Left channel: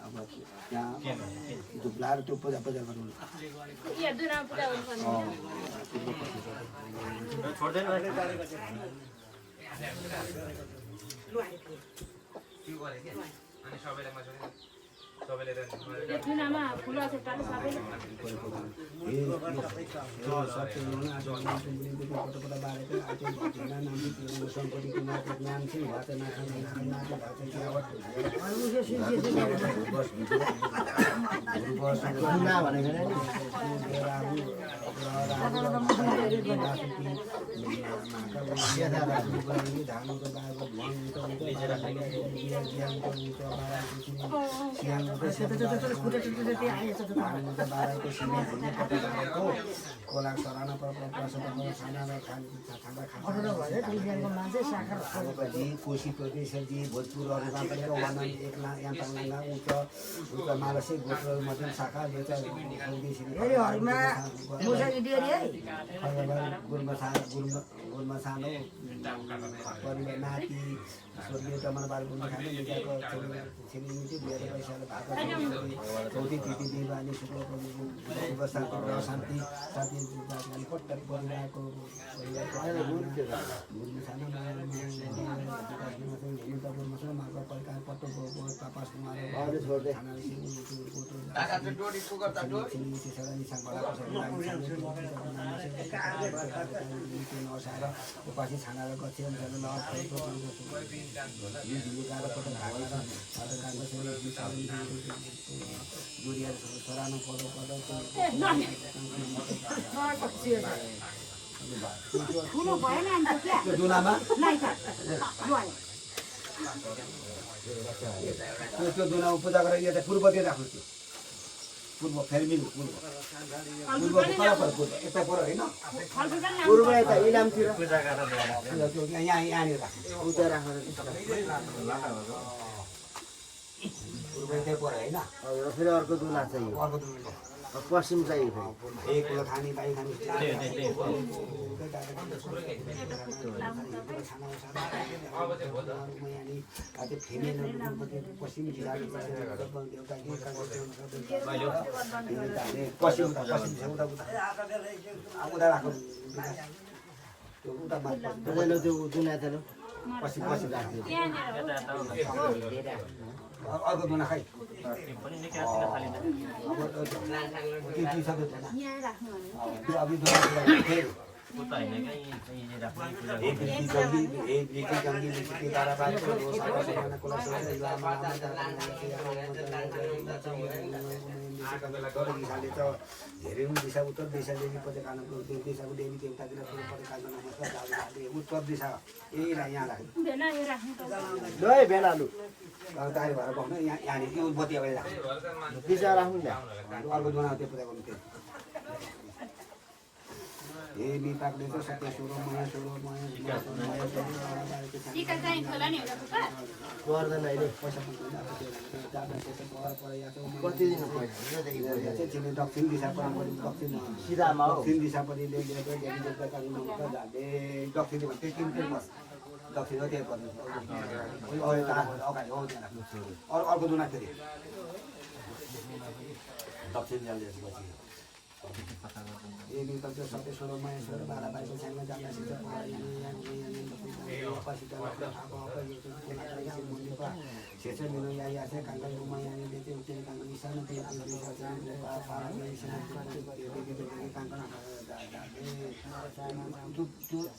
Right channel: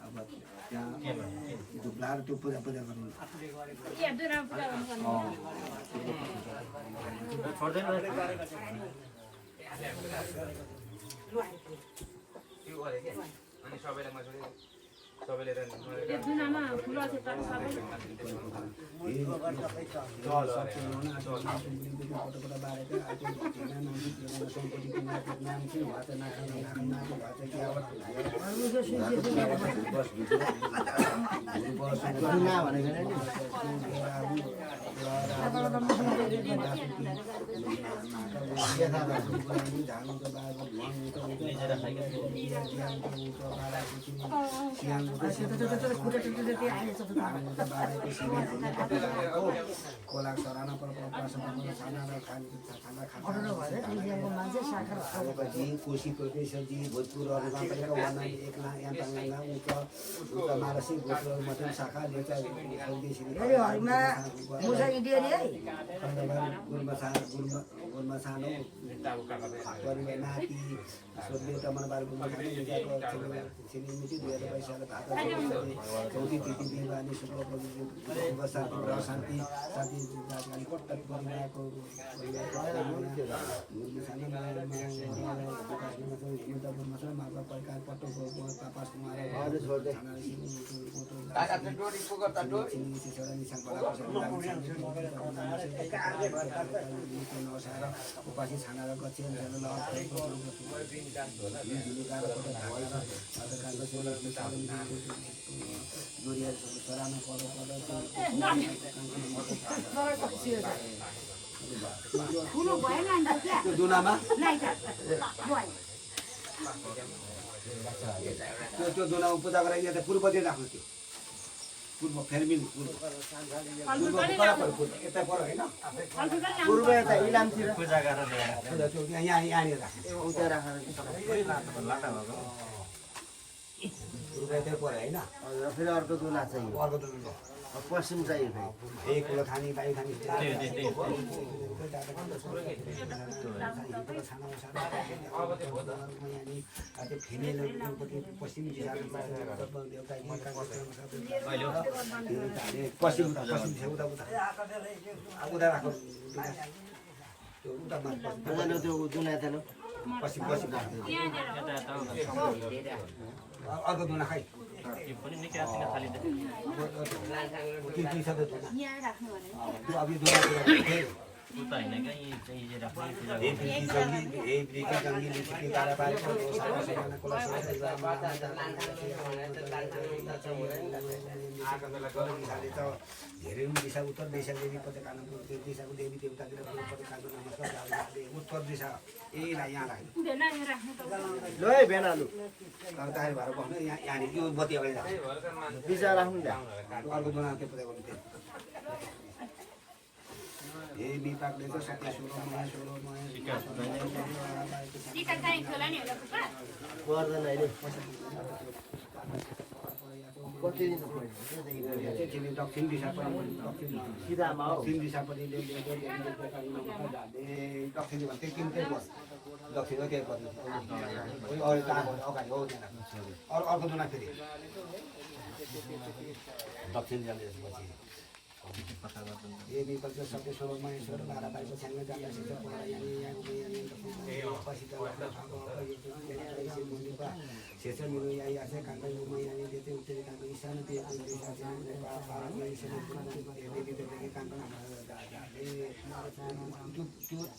अब त्यहाँ धुप्लाएर त्यो पूजा गर्नु खोला सराना कोशी प्रदेशजी भोजपुरहरूमा पनि वर्णन एकला यहाँ तङ्गला उच्च मालसी गोत्र मध्यम शाखा गुरुमा सानो परिवार नाति स्वर्गीय तमनबार गुरुमा खाने निजाको छिरिमिटी 2022 साल भाग चौथी प्रीति दिवाली शुक्ल वर्षको शान्ति शान्ति पटक परिवारको गुरुमा सानो माघ प्रकार पटक पापास उपासी छानालाई गच्छे सरानो त्यो दुनामा पूजा गरेर यता पूर्वतिर राख्नु थियो पूर्व फेरमिल पूर्व यता पर हैन पूर्व यता इलामतिर पूजा गरेर यहाँ यहाँनिर राख्नु उता राखेर पूर्व यतै पर हैन फेरि अर्को दुना चाहियो अर्को दुना पश्चिम चाहियो फेरि एक कुलो खानी पानी खानी पश्चिम अर्को दुना खै दिशा उत्तर दिशा देवी दिशाको देवी देवतातिर उत्तर दिशा यहाँ राख्नु तारी भएर बस्नु यहाँनिर त्यो बत्ती अगाडि राख्नु दिशा राख्नु अर्को दुना त्यो पूजा गर्नु थियो ए बिपाकले चाहिँ सत्य सोह्र माया पर्दैन अहिले कति दिन दक्षिण दिशापट्टि दक्षिण दिशापट्टि दक्षिण तिनटै बस दक्षिण त्यही पर्नु अगाडि हो त्यहाँ राख्नु अर्को दुना फेरि दक्षिण जाँदैपछि ए बिपाक चाहिँ सत्य सोह्र माया सोह्र बाह्र बाइस छ्याङ्ग जाँदैछ शेष मिलो या ऐसे कांटा घुमा या देते उठे कांटा ईशान ते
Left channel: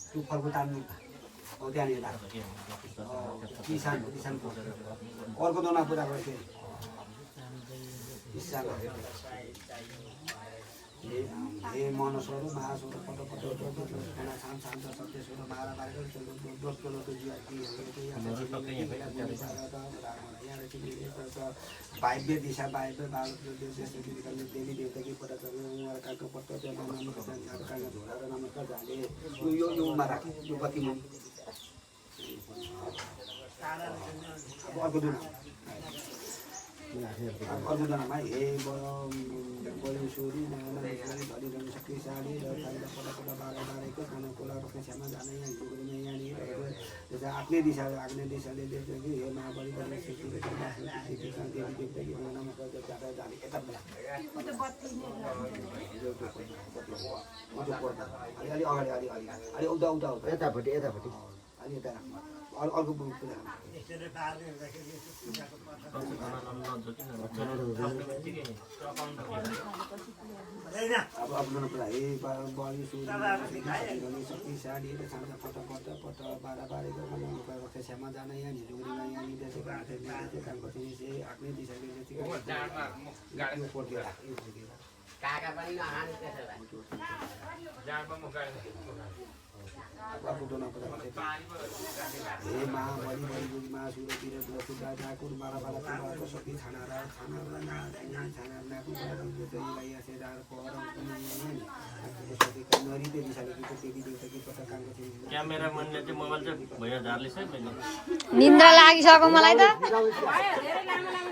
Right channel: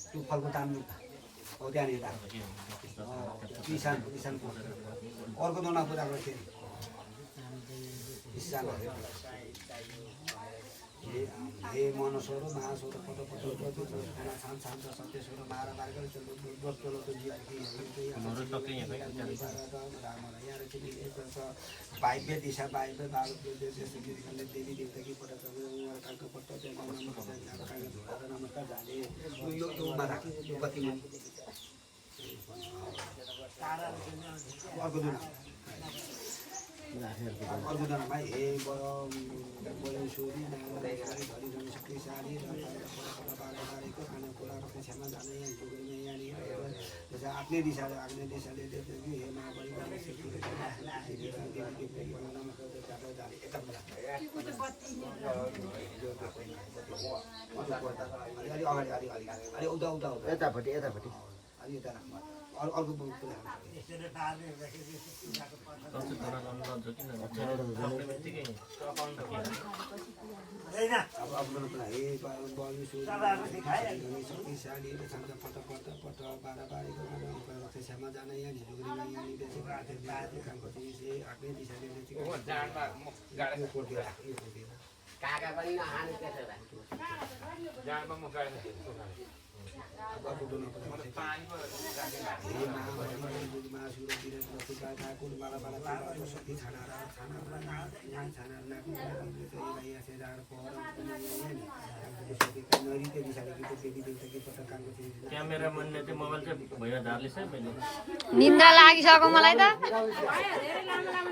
तू फलको तान्नु हो त्यहाँनिर ईशान अर्को दोना पूजा गर्थे ईशान हे मनस्वरो महास्वरो पटो पटो छान छान सत्यस्वरो बाह्र बाह्र दोस्रो वायव्य दिशा वायव्य देवी देवता की पता कालको पत्ता नमस्कार झाले योमा राख्यो यो गतिमा अब अर्को दुना अर्को दुनामा हे बलेश्वरी नारायण धरिरहन शक्तिशाली र पटा बाह्र बाह्रको खाना कोला कक्षामा जाने यहाँनिर आफ्नै दिशा आग्ने दिशाले देख्छ कि हे महाबली पर्दा अलि अगाडि अलि उता यतापट्टि अलि यता अर्को कुरा अब आफ्नो प्राय बलि सुरु शक्तिशाली र छान्दा पट बाह्र त्यसमा जान यहाँ झुग्रीमा यहाँनिर कामको चाहिँ आफ्नै दिशाले क्यामेराम्यानले चाहिँ मोबाइल चाहिँ भैया झार्लिस है मैले निन्द्रा लागिसक्यो मलाई त